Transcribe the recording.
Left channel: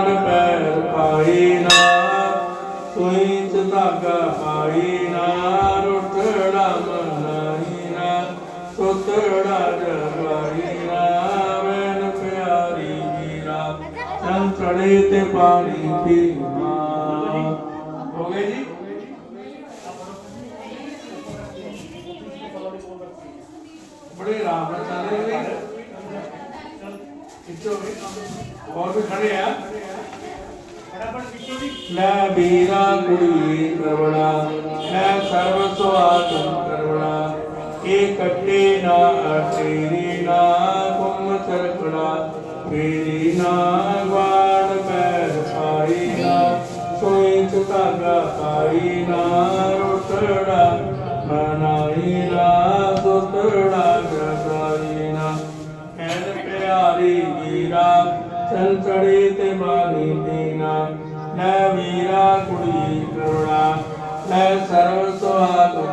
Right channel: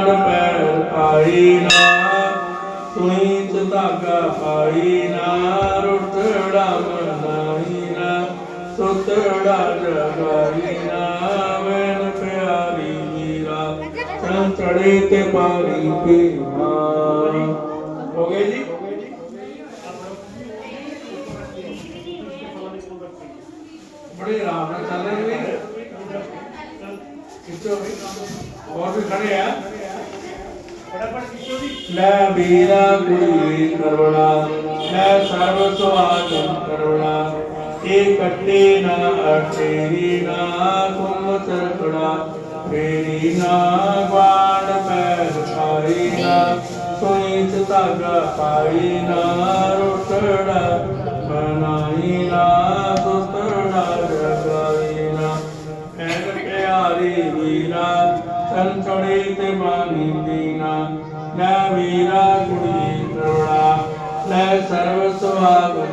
बाण पैर आई ना सुई च धागा पाई ना रुटड़ा मनाई ना सुतड़ा जगाई ना मैन प्यारी मीरा चंद चढ़े ते पारी पीना। हो गए जी। बड़े आराम से चल रहे हैं। और भी खड़े हैं। लै बीरा कुड़ी करुणा मैं सर्व सुहागन करुणा ये कट्टे ना अटेरी ना कुम चरकड़ा फेरी ना बाण पैर पाई ना सुई च धागा पाई ना रुटड़ा मनाई ना सुतड़ा जगाई ना ऐन प्यारी वीरा चल चढ़े ते बानी दीना मैं वीरा कुड़ी करुणा मैं सर्व सुहागन